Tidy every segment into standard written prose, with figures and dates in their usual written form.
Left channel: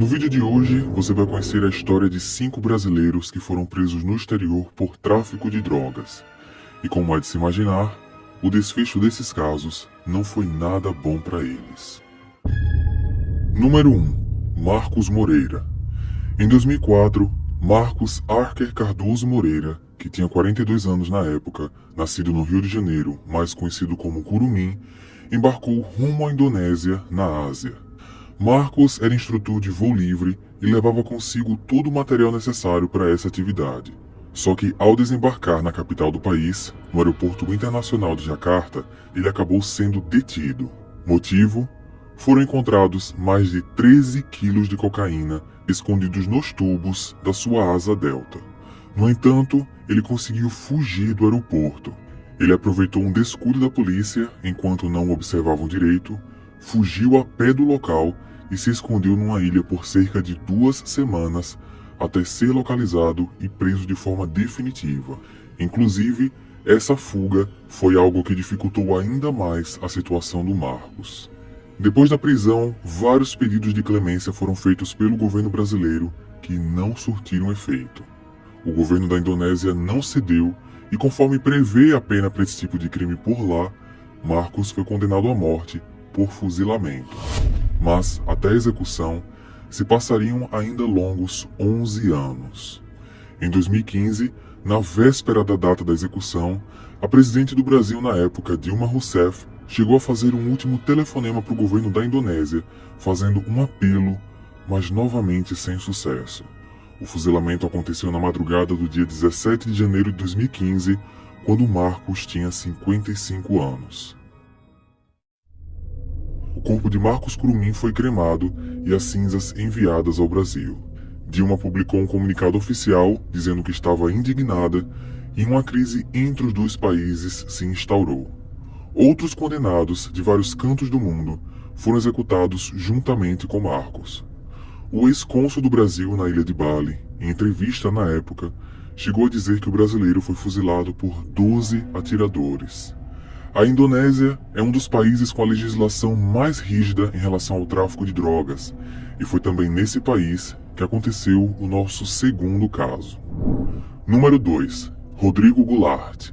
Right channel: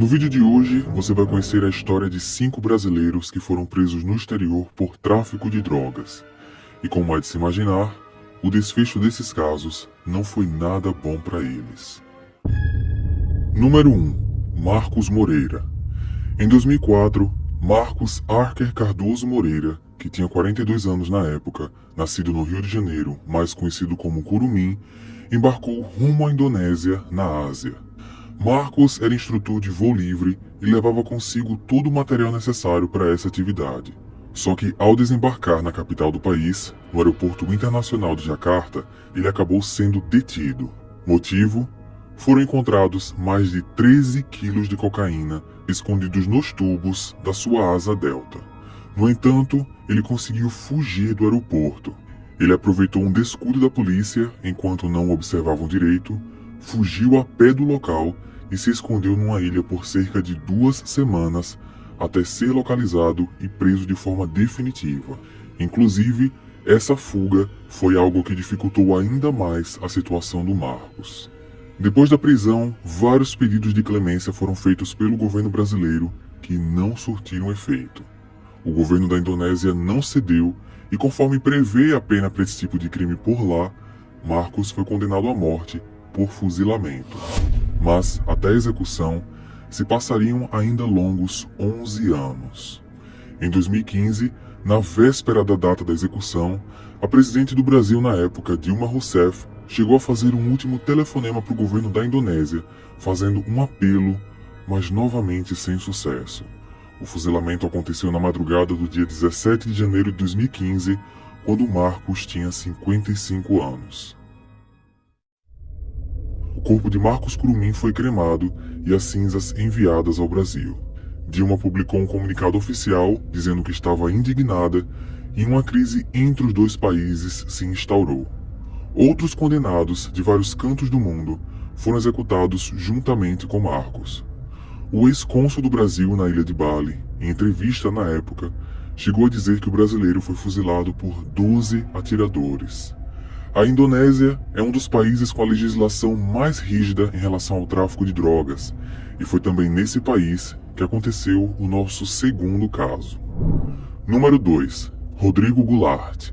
No vídeo de hoje, você vai conhecer a história de 5 brasileiros que foram presos no exterior por tráfico de drogas. E como é de se imaginar, o desfecho desses casos não foi nada bom para eles. Número 1. Marcos Moreira. Em 2004, Marcos Archer Cardoso Moreira, que tinha 42 anos na época, nascido no Rio de Janeiro, mais conhecido como Curumim, embarcou rumo à Indonésia, na Ásia. Marcos era instrutor de voo livre e levava consigo todo o material necessário para essa atividade. Só que ao desembarcar na capital do país, no aeroporto internacional de Jacarta, ele acabou sendo detido. Motivo? Foram encontrados mais de 13 quilos de cocaína escondidos nos tubos da sua asa delta. No entanto, ele conseguiu fugir do aeroporto. Ele aproveitou um descuido da polícia enquanto não o observavam direito, fugiu a pé do local e se escondeu numa ilha por cerca de 2 semanas até ser localizado e preso de forma definitiva. Inclusive, essa fuga foi algo que dificultou ainda mais a situação do Marcos. Depois da prisão, vários pedidos de clemência foram feitos pelo governo brasileiro que não surtiram efeito. O governo da Indonésia não cedeu e, conforme prevê a pena para esse tipo de crime por lá, Marcos foi condenado à morte por fuzilamento. Mas, até a execução, se passariam ainda longos 11 anos. Em 2015, na véspera da data da execução, a presidente do Brasil na época, Dilma Rousseff, chegou a fazer um último telefonema para o governo da Indonésia, fazendo um apelo, mas novamente sem sucesso. O fuzilamento aconteceu na madrugada do dia 17 de janeiro de 2015, quando Marcos tinha 55 anos. O corpo de Marcos Curumim foi cremado e as cinzas enviadas ao Brasil. Dilma publicou um comunicado oficial dizendo que estava indignada e uma crise entre os dois países se instaurou. Outros condenados de vários cantos do mundo foram executados juntamente com Marcos. O ex-cônsul do Brasil na ilha de Bali, em entrevista na época, chegou a dizer que o brasileiro foi fuzilado por 12 atiradores. A Indonésia é um dos países com a legislação mais rígida em relação ao tráfico de drogas, e foi também nesse país que aconteceu o nosso segundo caso. Número 2. Rodrigo Goulart.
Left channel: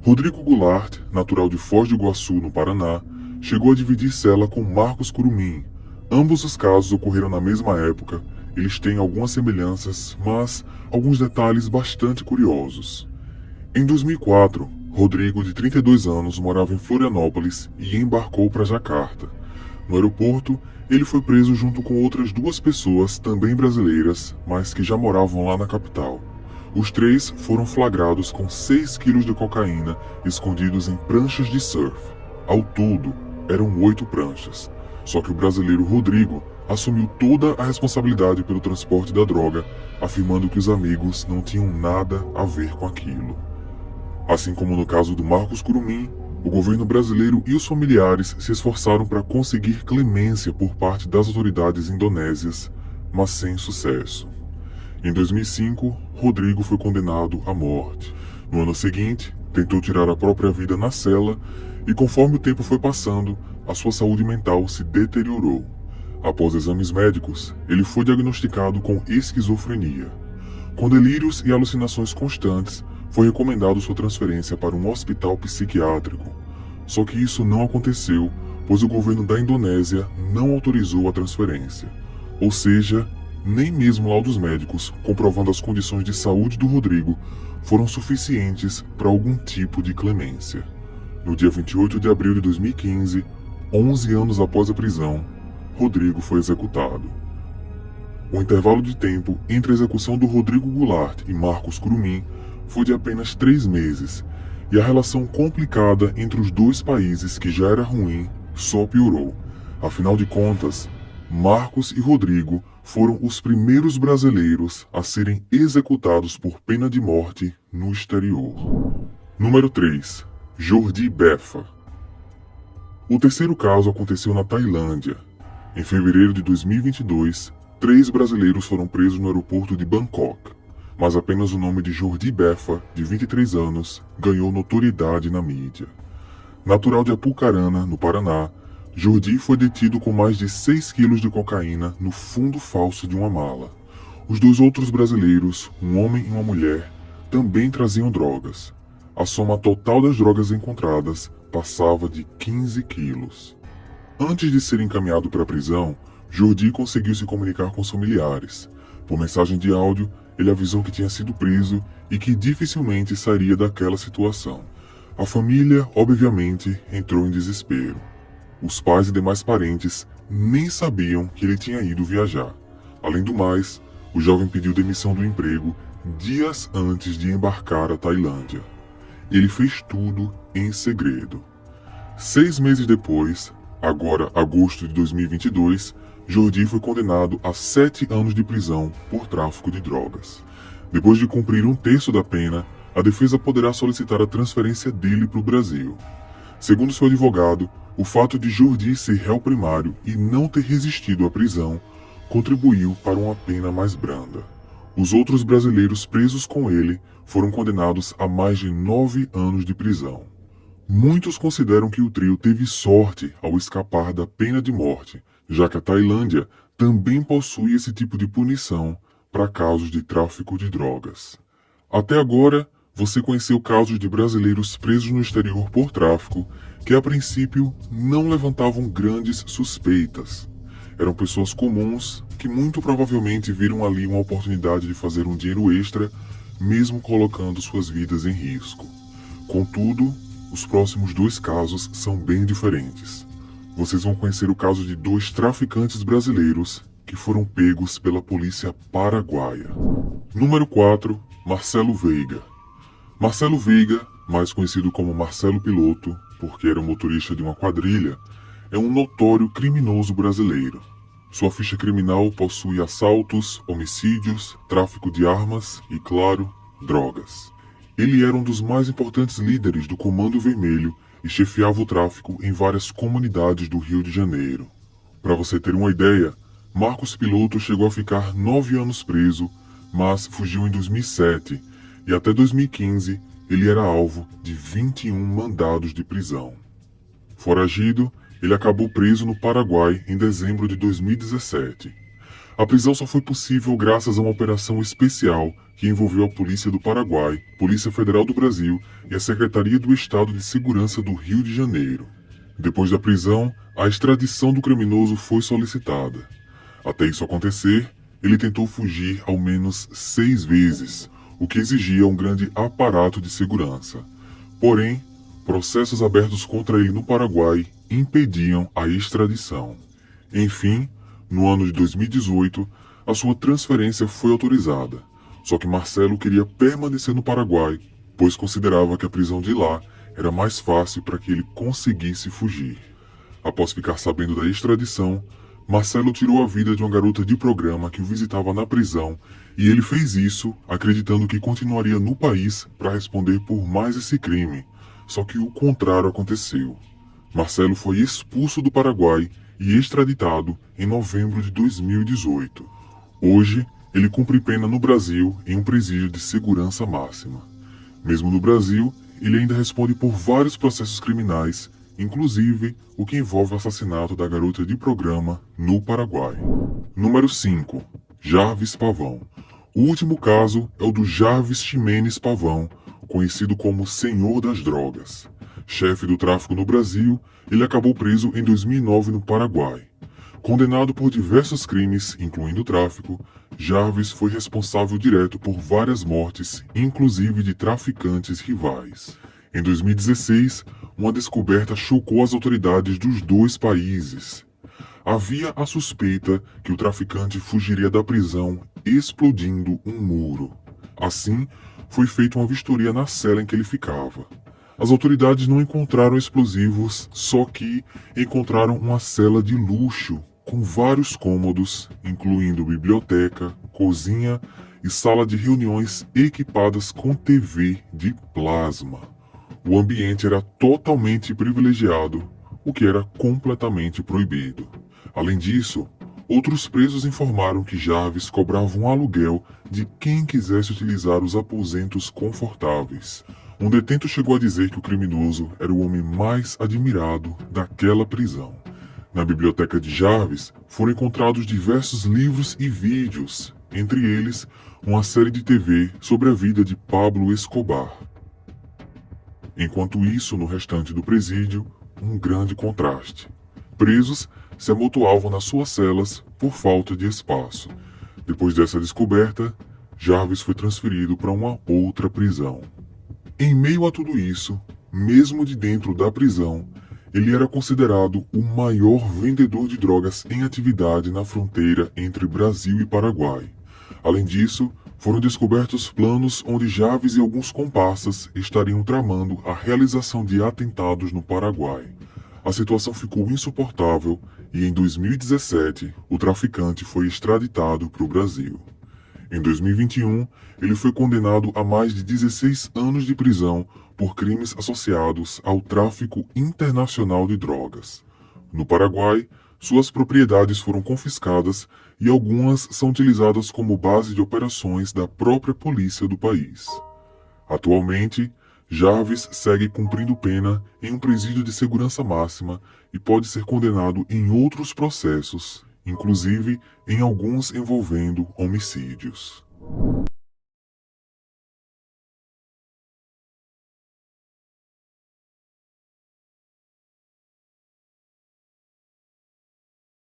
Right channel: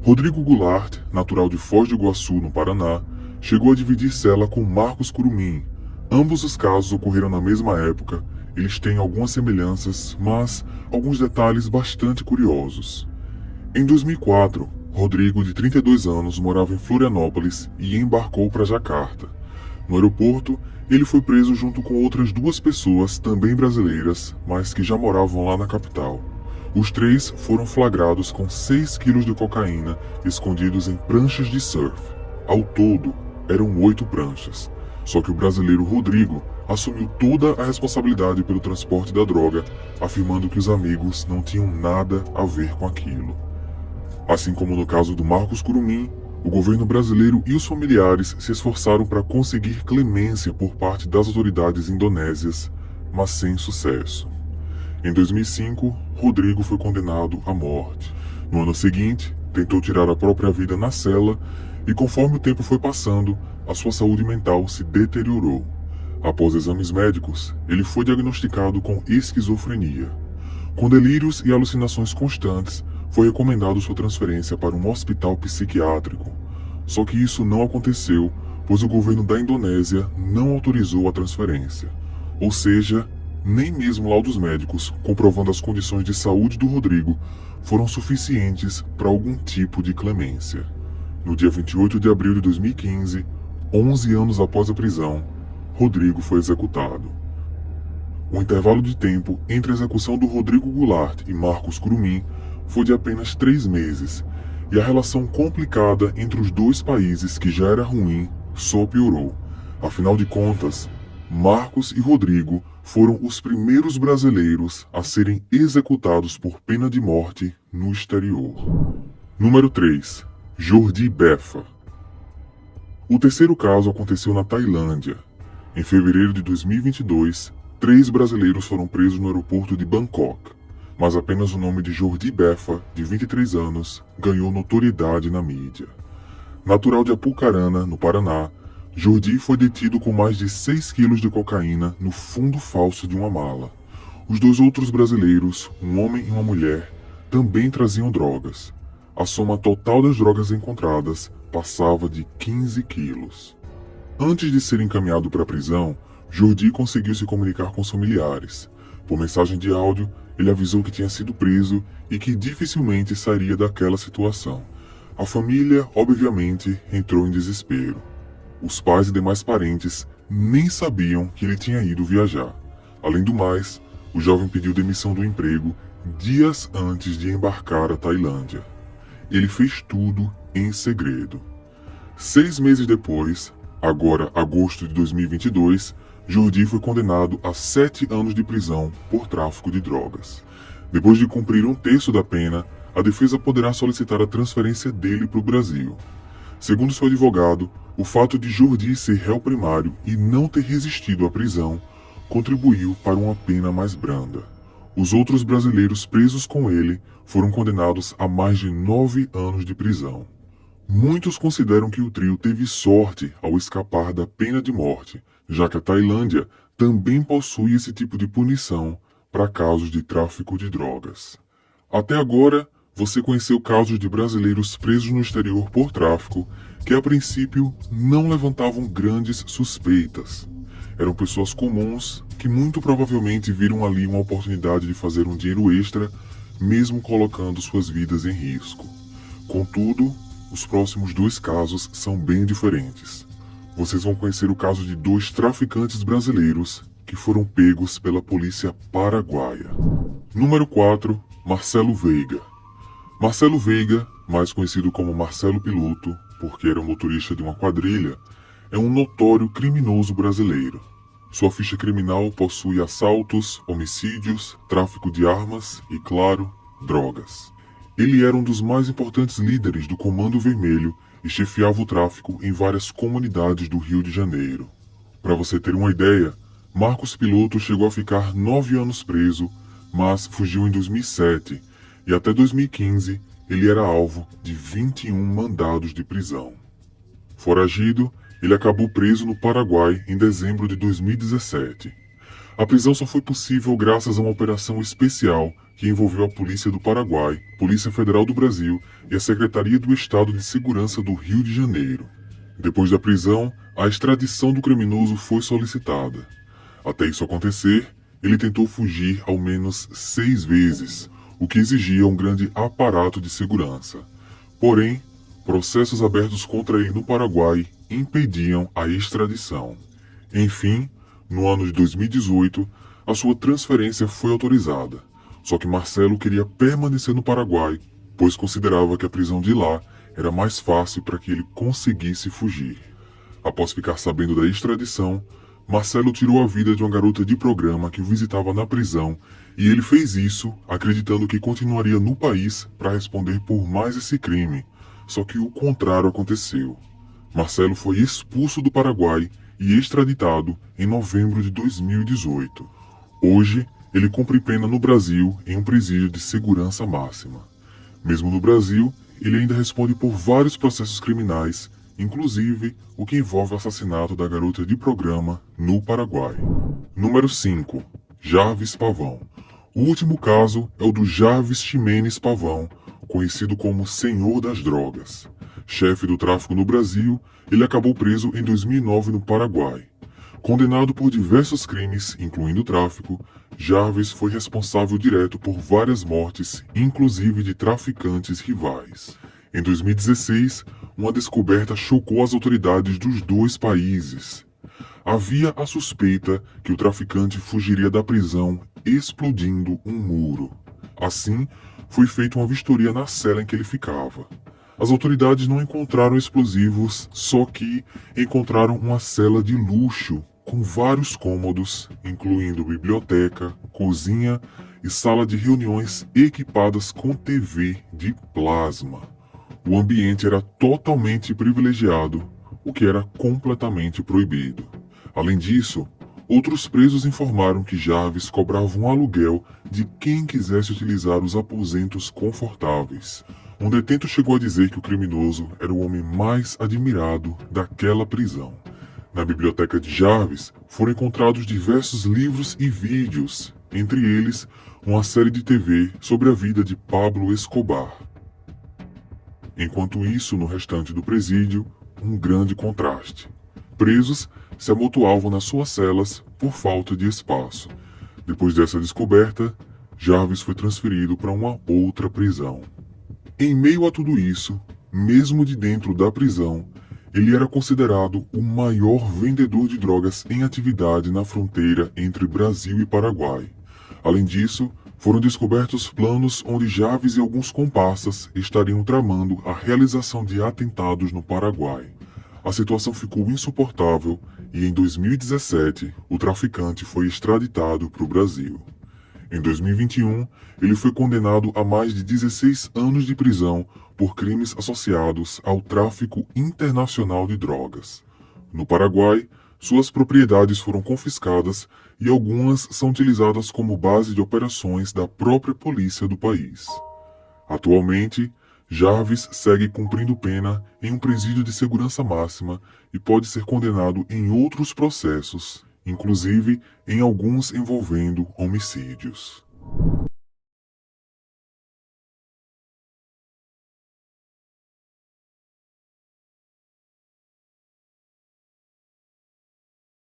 Rodrigo Goulart, natural de Foz do Iguaçu, no Paraná, chegou a dividir cela com Marcos Curumim. Ambos os casos ocorreram na mesma época. Eles têm algumas semelhanças, mas alguns detalhes bastante curiosos. Em 2004, Rodrigo, de 32 anos, morava em Florianópolis e embarcou para Jacarta. No aeroporto, ele foi preso junto com outras 2 pessoas, também brasileiras, mas que já moravam lá na capital. Os 3 foram flagrados com 6 quilos de cocaína escondidos em pranchas de surf. Ao todo, eram 8 pranchas. Só que o brasileiro Rodrigo assumiu toda a responsabilidade pelo transporte da droga, afirmando que os amigos não tinham nada a ver com aquilo. Assim como no caso do Marcos Curumim, o governo brasileiro e os familiares se esforçaram para conseguir clemência por parte das autoridades indonésias, mas sem sucesso. Em 2005, Rodrigo foi condenado à morte. No ano seguinte, tentou tirar a própria vida na cela e, conforme o tempo foi passando, a sua saúde mental se deteriorou. Após exames médicos, ele foi diagnosticado com esquizofrenia. Com delírios e alucinações constantes, foi recomendado sua transferência para um hospital psiquiátrico. Só que isso não aconteceu, pois o governo da Indonésia não autorizou a transferência. Ou seja, nem mesmo laudos médicos comprovando as condições de saúde do Rodrigo foram suficientes para algum tipo de clemência. No dia 28 de abril de 2015, 11 anos após a prisão, Rodrigo foi executado. O intervalo de tempo entre a execução do Rodrigo Goulart e Marcos Curumim foi de apenas 3 meses, e a relação complicada entre os dois países, que já era ruim, só piorou. Afinal de contas, Marcos e Rodrigo foram os primeiros brasileiros a serem executados por pena de morte no exterior. Número 3. Jordi Beffa. O terceiro caso aconteceu na Tailândia. Em fevereiro de 2022, 3 brasileiros foram presos no aeroporto de Bangkok, mas apenas o nome de Jordi Beffa, de 23 anos, ganhou notoriedade na mídia. Natural de Apucarana, no Paraná, Jordi foi detido com mais de 6 quilos de cocaína no fundo falso de uma mala. Os dois outros brasileiros, um homem e uma mulher, também traziam drogas. A soma total das drogas encontradas passava de 15 quilos. Antes de ser encaminhado para a prisão, Jordi conseguiu se comunicar com os familiares. Por mensagem de áudio, ele avisou que tinha sido preso e que dificilmente sairia daquela situação. A família, obviamente, entrou em desespero. Os pais e demais parentes nem sabiam que ele tinha ido viajar. Além do mais, o jovem pediu demissão do emprego dias antes de embarcar à Tailândia. Ele fez tudo em segredo. 6 meses depois, agora agosto de 2022, Jordi foi condenado a 7 anos de prisão por tráfico de drogas. Depois de cumprir um terço da pena, a defesa poderá solicitar a transferência dele para o Brasil. Segundo seu advogado, o fato de Jordi ser réu primário e não ter resistido à prisão contribuiu para uma pena mais branda. Os outros brasileiros presos com ele foram condenados a mais de 9 anos de prisão. Muitos consideram que o trio teve sorte ao escapar da pena de morte, já que a Tailândia também possui esse tipo de punição para casos de tráfico de drogas. Até agora, você conheceu casos de brasileiros presos no exterior por tráfico que a princípio não levantavam grandes suspeitas. Eram pessoas comuns que muito provavelmente viram ali uma oportunidade de fazer um dinheiro extra, mesmo colocando suas vidas em risco. Contudo, os próximos 2 casos são bem diferentes. Vocês vão conhecer o caso de 2 traficantes brasileiros que foram pegos pela polícia paraguaia. Número 4, Marcelo Veiga. Marcelo Veiga, mais conhecido como Marcelo Piloto, porque era o motorista de uma quadrilha, é um notório criminoso brasileiro. Sua ficha criminal possui assaltos, homicídios, tráfico de armas e, claro, drogas. Ele era um dos mais importantes líderes do Comando Vermelho e chefiava o tráfico em várias comunidades do Rio de Janeiro. Para você ter uma ideia, Marcos Piloto chegou a ficar 9 anos preso, mas fugiu em 2007 e até 2015 ele era alvo de 21 mandados de prisão. Foragido, ele acabou preso no Paraguai em dezembro de 2017. A prisão só foi possível graças a uma operação especial que envolveu a Polícia do Paraguai, Polícia Federal do Brasil e a Secretaria do Estado de Segurança do Rio de Janeiro. Depois da prisão, a extradição do criminoso foi solicitada. Até isso acontecer, ele tentou fugir ao menos 6 vezes, o que exigia um grande aparato de segurança. Porém, processos abertos contra ele no Paraguai impediam a extradição. Enfim, no ano de 2018, a sua transferência foi autorizada. Só que Marcelo queria permanecer no Paraguai, pois considerava que a prisão de lá era mais fácil para que ele conseguisse fugir. Após ficar sabendo da extradição, Marcelo tirou a vida de uma garota de programa que o visitava na prisão, e ele fez isso acreditando que continuaria no país para responder por mais esse crime. Só que o contrário aconteceu. Marcelo foi expulso do Paraguai e extraditado em novembro de 2018. Hoje, ele cumpre pena no Brasil em um presídio de segurança máxima. Mesmo no Brasil, ele ainda responde por vários processos criminais, inclusive o que envolve o assassinato da garota de programa no Paraguai. Número 5. Jarvis Pavão. O último caso é o do Jarvis Ximenes Pavão, conhecido como Senhor das Drogas. Chefe do tráfico no Brasil, ele acabou preso em 2009 no Paraguai. Condenado por diversos crimes, incluindo tráfico, Jarvis foi responsável direto por várias mortes, inclusive de traficantes rivais. Em 2016, uma descoberta chocou as autoridades dos 2 países. Havia a suspeita que o traficante fugiria da prisão explodindo um muro. Assim, foi feita uma vistoria na cela em que ele ficava. As autoridades não encontraram explosivos, só que encontraram uma cela de luxo, com vários cômodos, incluindo biblioteca, cozinha e sala de reuniões equipadas com TV de plasma. O ambiente era totalmente privilegiado, o que era completamente proibido. Além disso, outros presos informaram que Jarvis cobrava um aluguel de quem quisesse utilizar os aposentos confortáveis. Um detento chegou a dizer que o criminoso era o homem mais admirado daquela prisão. Na biblioteca de Jarvis foram encontrados diversos livros e vídeos, entre eles uma série de TV sobre a vida de Pablo Escobar. Enquanto isso, no restante do presídio, um grande contraste. Presos se amontoavam nas suas celas por falta de espaço. Depois dessa descoberta, Jarvis foi transferido para uma outra prisão. Em meio a tudo isso, mesmo de dentro da prisão, ele era considerado o maior vendedor de drogas em atividade na fronteira entre Brasil e Paraguai. Além disso, foram descobertos planos onde Jarvis e alguns comparsas estariam tramando a realização de atentados no Paraguai. A situação ficou insuportável e em 2017 o traficante foi extraditado para o Brasil. Em 2021, ele foi condenado a mais de 16 anos de prisão por crimes associados ao tráfico internacional de drogas. No Paraguai, suas propriedades foram confiscadas e algumas são utilizadas como base de operações da própria polícia do país. Atualmente, Jarvis segue cumprindo pena em um presídio de segurança máxima e pode ser condenado em outros processos, inclusive em alguns envolvendo homicídios.